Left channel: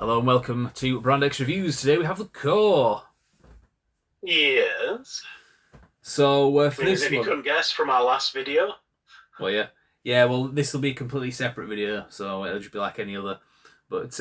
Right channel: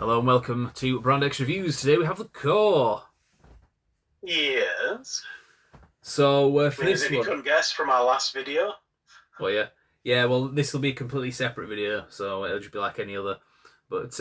Hello and welcome to Brand X Reviews. Today we have the core. Yes. So for As this if you one, couldn't guess from our last video. well, yeah. Well, this will be a completely separate video, so it'll just be like any other. But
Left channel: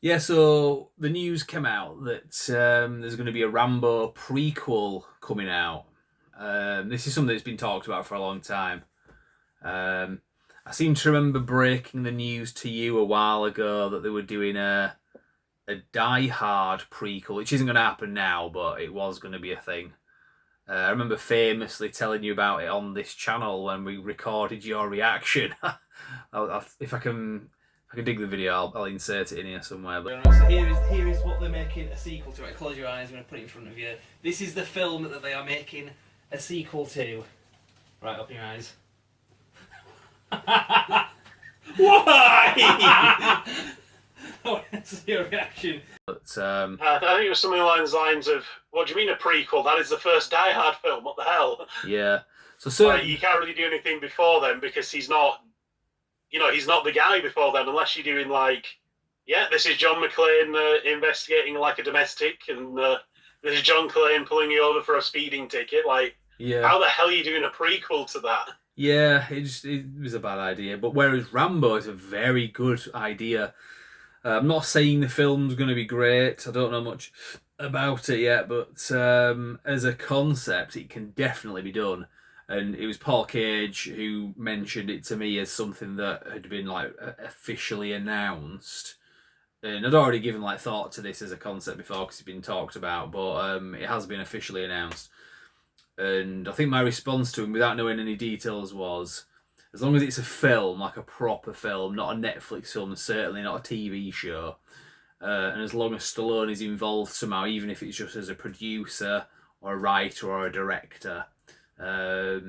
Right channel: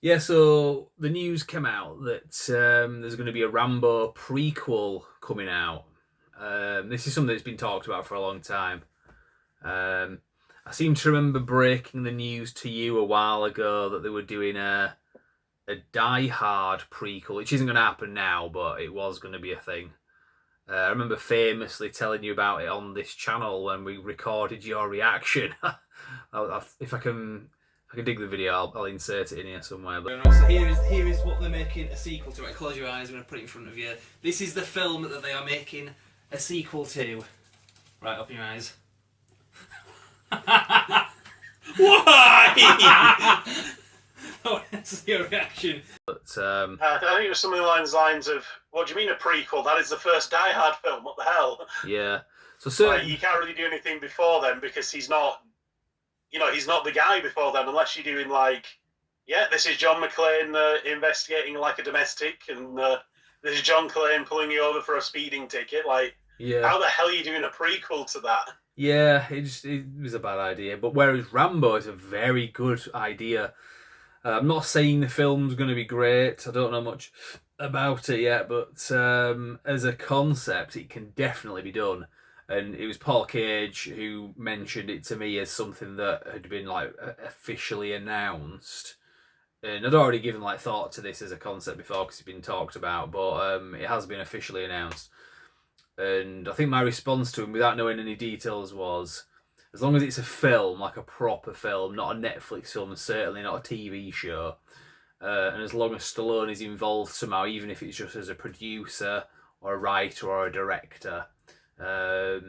yeah, so the news came out that there's going to be a Rambo prequel coming out. This is something that's been talked about for a long time. I seem to remember breaking the news to you a while ago that they were doing a Die Hard prequel, which isn't going to happen now, but it was going to be a thing. I remember famously telling you about it on this channel when we recorded your reaction. If I can dig the video, I'll insert it in here somewhere. But so here is what they're making a sequel to. Right, close your eyes. I'm going to put it in front of you. This is the film that they are making a sequel to. Right, open your eyes. Why? Oh, that's your reaction. But I think it was something along the lines of, what do you mean a prequel? That is the first Die Hard film. What the hell? Yeah. So like, you can't really do anything before then because he's not, he's not the guy before then unless you're doing this is John McClane investigating like a domestic, and this is John McClane pulling you over for a speeding ticket. How the hell are you doing a prequel to that? Yeah, it was a bad idea. But whereas Rambo is a very good idea. I'm not saying the film's going to be great. I don't know much about it yet, but as a concept, it can definitely be done. And it was Paul Cage who mentioned it to me as something that had been officially announced. And I'd already given thought to this as a concept before because it's been talked about, but it has been officially announced. And I think my response to him, without knowing any details, was, as long as it's a film, like a proper film, not a Netflix film, certainly not a TV show, and as long as Stallone is involved somehow, even if it's just as a producer or a writer or a director. But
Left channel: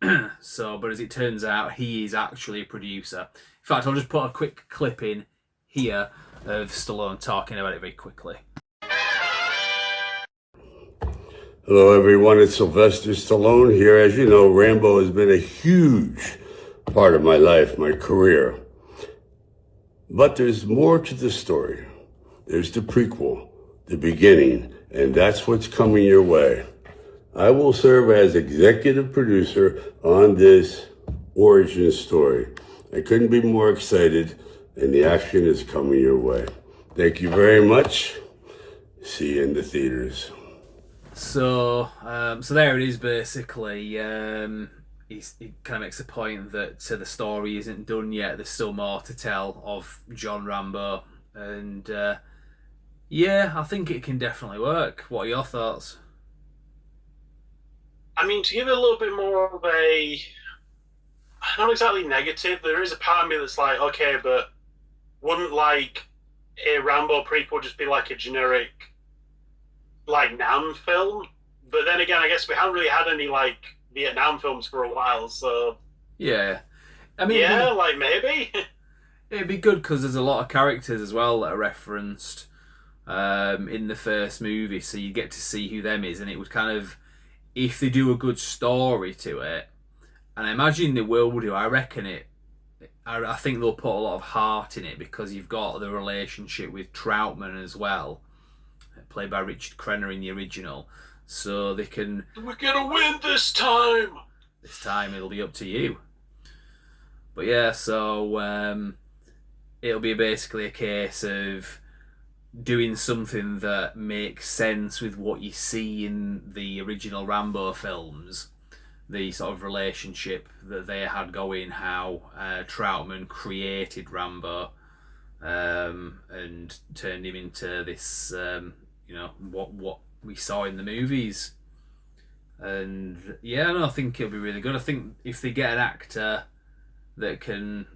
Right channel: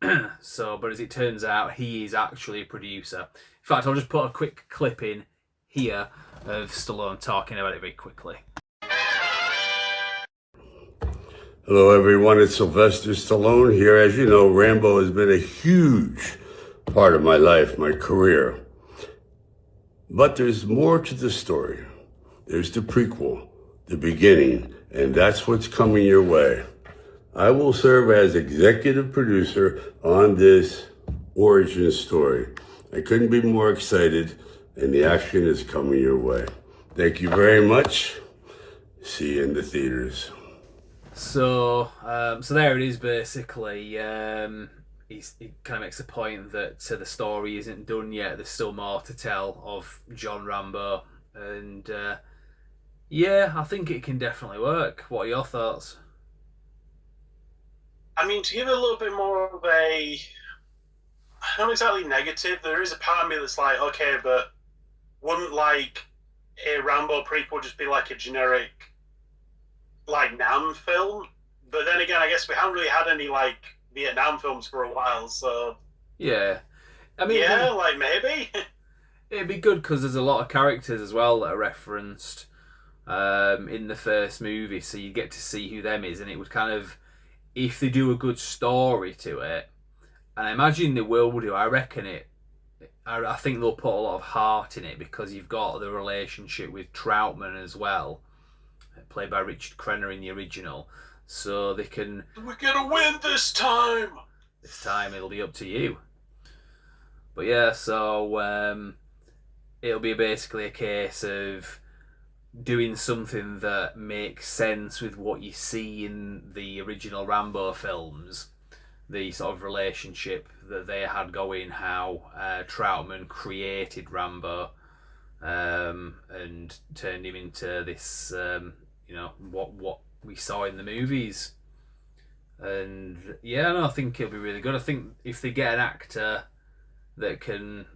as it turns out, he is actually a producer. In fact, I'll just put a quick clip in here of Stallone talking about it very quickly. Hello everyone, it's Sylvester Stallone here. As you know, Rambo has been a huge part of my life, my career. But there's more to the story. There's the prequel, the beginning, and that's what's coming your way. I will serve as executive producer on this origin story. I couldn't be more excited, and the action is coming your way. Thank you very much. See you in the theaters. So there it is. Basically, he kind of makes a point that the story isn't done yet. There's still more to tell of John Rambo, and I think it can definitely work. What are your thoughts? I mean, to give it a little bit more of a, not exactly negative, there is a part of me that's like, okay, but wouldn't a Rambo prequel just be like a generic Nam film? But then again, I guess we haven't really had any Vietnam films for a while, so yeah, I mean, maybe it'd be good because there's a lot of characters as well that are referenced in the first movie, so you get to see who them is, and it would kind of, if they do a good story to it, and I imagine they will do. I reckon it. I think they'll put a lot of heart in it because you've got the relationship with Troutman as well, played by Richard Crenna in the original, so they can. We're gonna win this time. This time it'll be up to you. But yeah, so it'll be basically a case of doing something that makes sense with what you see in the original Rambo films, the sort of relationship that they had going, how Troutman created Rambo and turned him into this, what we saw in the movies. And I think it'll be really good. I think if they get an actor that can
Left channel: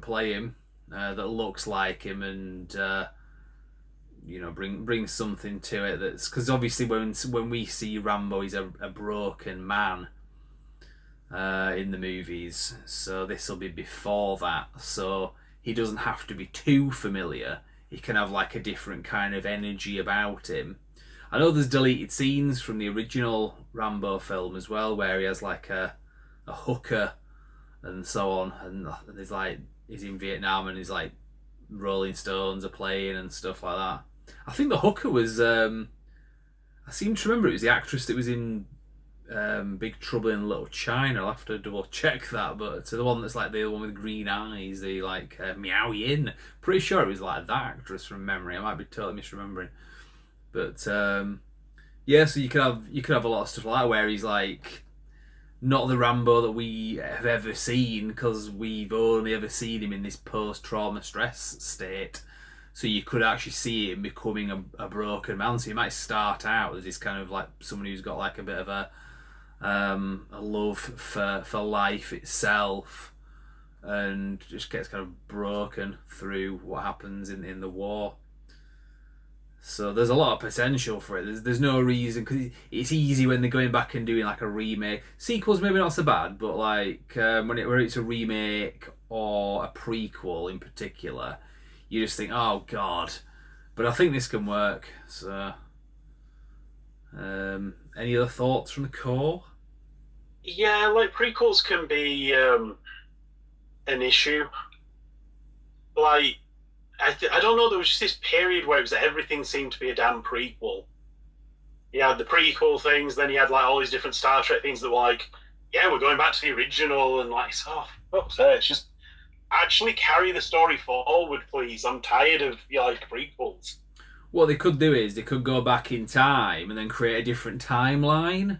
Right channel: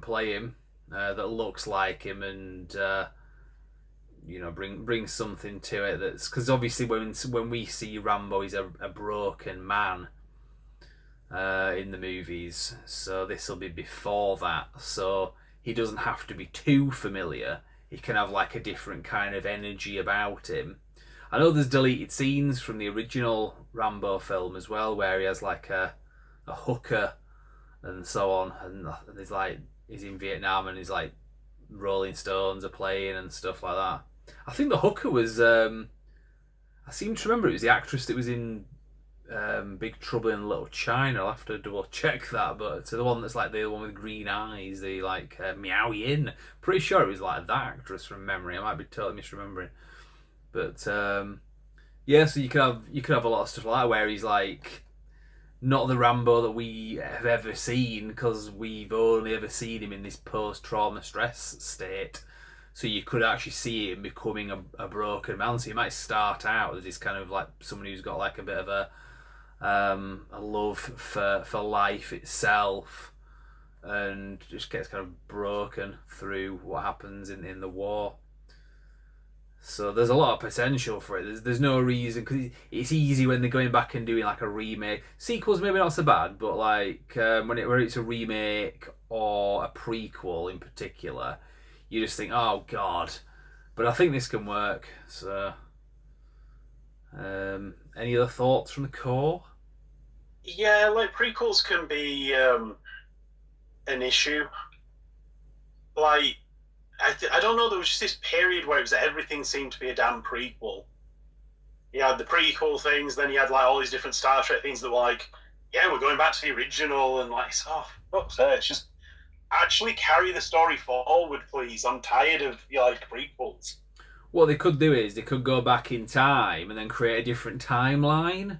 play him, that looks like him, and bring something to it, that's because obviously when we see Rambo, he's a broken man in the movies, so this will be before that, so he doesn't have to be too familiar. He can have a different kind of energy about him. I know there's deleted scenes from the original Rambo film as well, where he has a hooker and so on, and he's in Vietnam and he's Rolling Stones are playing and stuff like that. I think the hooker was. I seem to remember it was the actress that was in Big Trouble in Little China. I'll have to double check that, but it's the one that's like the one with green eyes, the like Meow Yin. Pretty sure it was like that actress from memory. I might be totally misremembering, but yeah. So you could have a lot of stuff like that where he's like not the Rambo that we have ever seen because we've only ever seen him in this post-trauma stress state. So you could actually see him becoming a broken man. So he might start out as this kind of like someone who's got like a bit of a love for life itself, and just gets kind of broken through what happens in the war. So there's a lot of potential for it. There's no reason, because it's easy when they're going back and doing like a remake. Sequels maybe not so bad, but like when it's a remake or a prequel in particular, you just think, oh god. But I think this can work. So, any other thoughts from the core? Yeah, like prequels can be an issue. Like, I don't know, there was just this period where it was everything seemed to be a damn prequel. You had the prequel things, then you had like all these different Star Trek things that were like, yeah, we're going back to the original, and like, oh, fuck's sake, it's just actually carry the story forward, please. I'm tired of like prequels. What they could do is they could go back in time and then create a different timeline,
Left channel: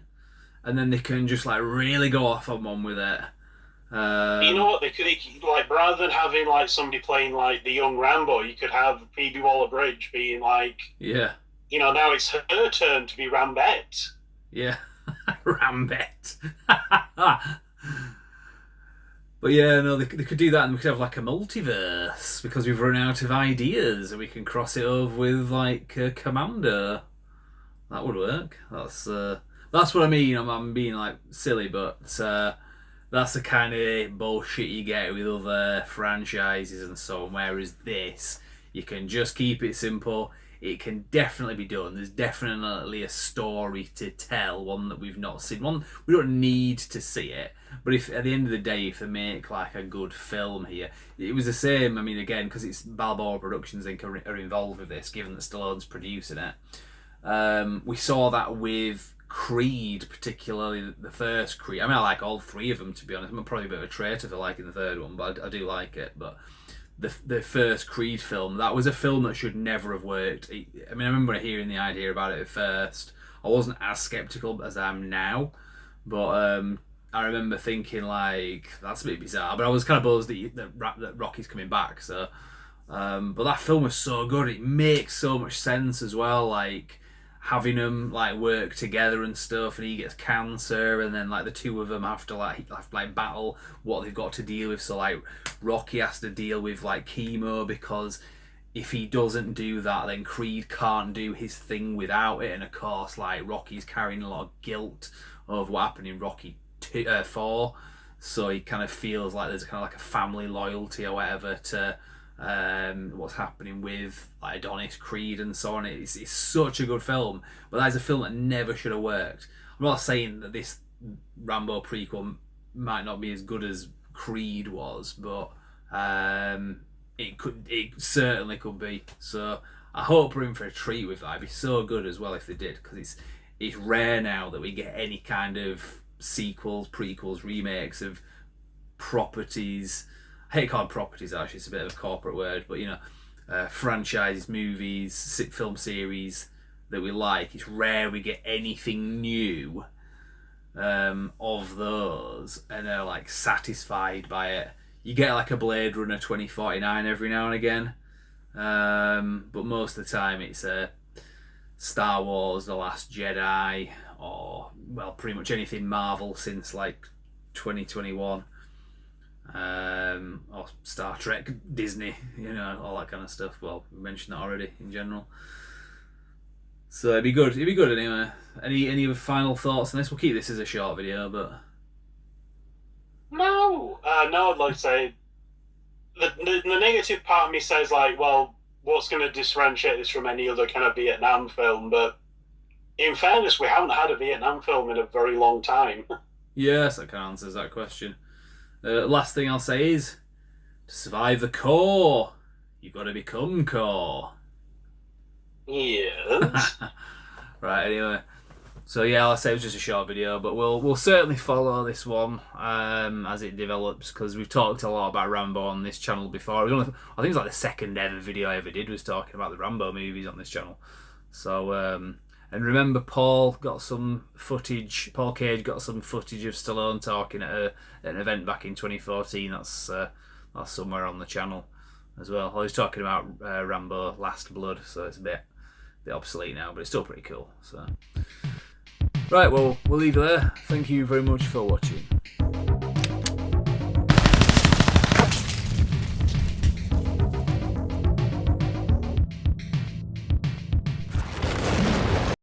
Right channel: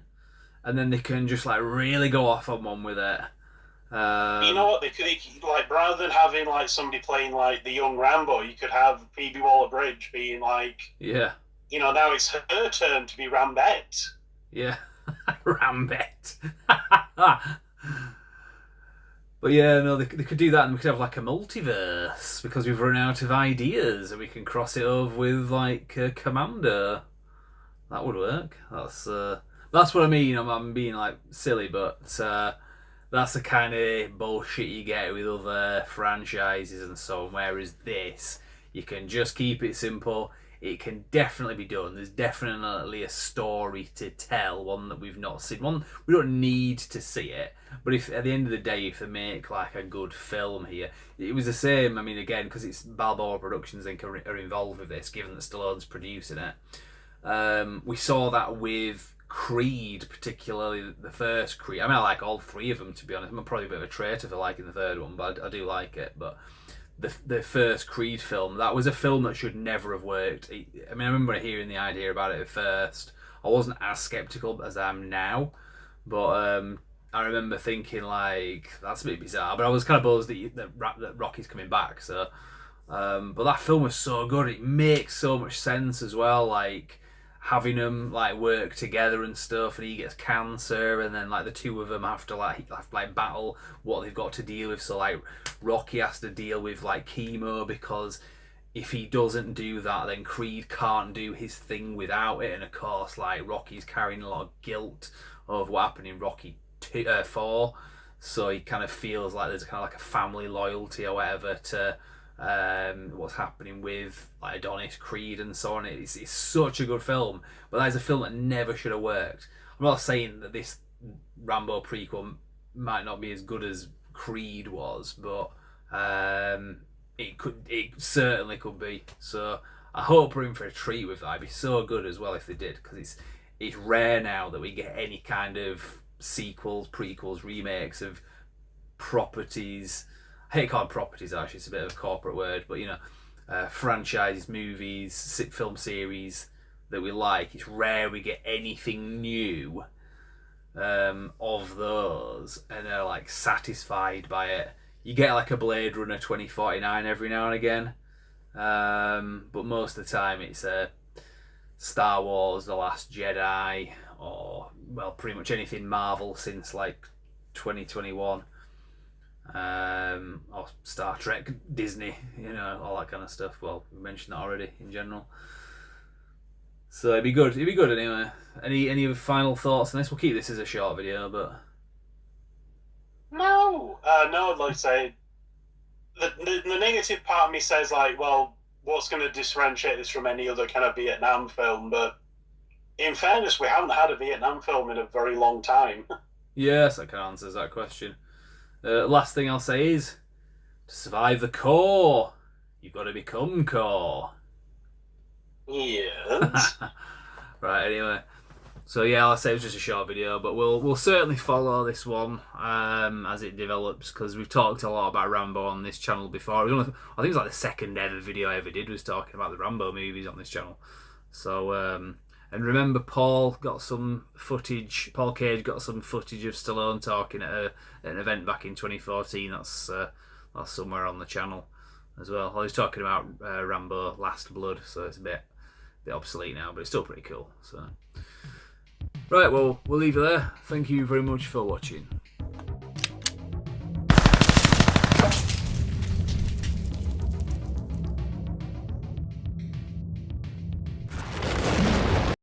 and then they can just like really go off on one with it. You know what? They could like, rather than having like somebody playing like the young Rambo, you could have Phoebe Waller-Bridge being like, yeah, now it's her turn to be Rambette. yeah, Rambette. But yeah, no, they could do that, and we could have like a multiverse because we've run out of ideas, and we can cross it over with like Commando. That would work. That's what I mean. I'm being like silly, but that's the kind of bullshit you get with other franchises and so on. Whereas this, you can just keep it simple. It can definitely be done. There's definitely a story to tell, one that we've not seen. One we don't need to see it, but if at the end of the day, if they make like a good film here, it was the same. I mean, again, because it's Balboa Productions are involved with this, given that Stallone's producing it. We saw that with Creed, particularly the first Creed. I mean, I like all three of them, to be honest. I'm probably a bit of a traitor for liking the third one, but I do like it. But the first Creed film, that was a film that should never have worked. I mean, I remember hearing the idea about it at first. I wasn't as skeptical as I am now, but I remember thinking like, that's a bit bizarre. But I was kind of buzzed that Rocky's coming back. So, but that film was so good. It makes so much sense as well. Like, having them like work together and stuff, and he gets cancer, and then like the two of them have to battle what they've got to deal with. So like Rocky has to deal with like chemo, because if he doesn't do that, then Creed can't do his thing without it. And of course, like Rocky's carrying a lot of guilt of what happened in Rocky 4, so he kind of feels like there's kind of like a family loyalty or whatever to what's happening with like Adonis, Creed, and so on. It's such a good film, but that is a film that never should have worked. I'm not saying that this Rambo prequel might not be as good as Creed was, but it certainly could be. So I hope we're in for a treat with that. It'd be so good as well if they did, because it's rare now that we get any kind of sequels, prequels, remakes of properties. I hate calling properties, actually, it's a bit of a corporate word, but franchises, movies, film series that we like. It's rare we get anything new of those and are like satisfied by it. You get like a Blade Runner 2049 every now and again, but most of the time it's Star Wars, The Last Jedi, or well, pretty much anything Marvel since like 2021. Or Star Trek, Disney, all that kind of stuff. Well, we mentioned that already in general. So it'd be good anyway. Any final thoughts on this? We'll keep this as a short video, but no, I'd like to say the negative part of me says like, well, what's going to differentiate this from any other kind of Vietnam film? But in fairness, we haven't had a Vietnam film in a very long time. Yes, that kind of answers that question. Last thing I'll say is, to survive the core, you've got to become core. Yes. Right, anyway. So yeah, I'll say it was just a short video, but we'll certainly follow this one as it develops, because we've talked a lot about Rambo on this channel before. It was only, I think it was like the second ever video I ever did was talking about the Rambo movies on this channel. So and remember, Paul Cage got some footage of Stallone talking at an event back in 2014. That's somewhere on the channel as well. I was talking about Rambo Last Blood, so it's a bit obsolete now, but it's still pretty cool. So. Right, well, we'll leave it there. Thank you very much for watching.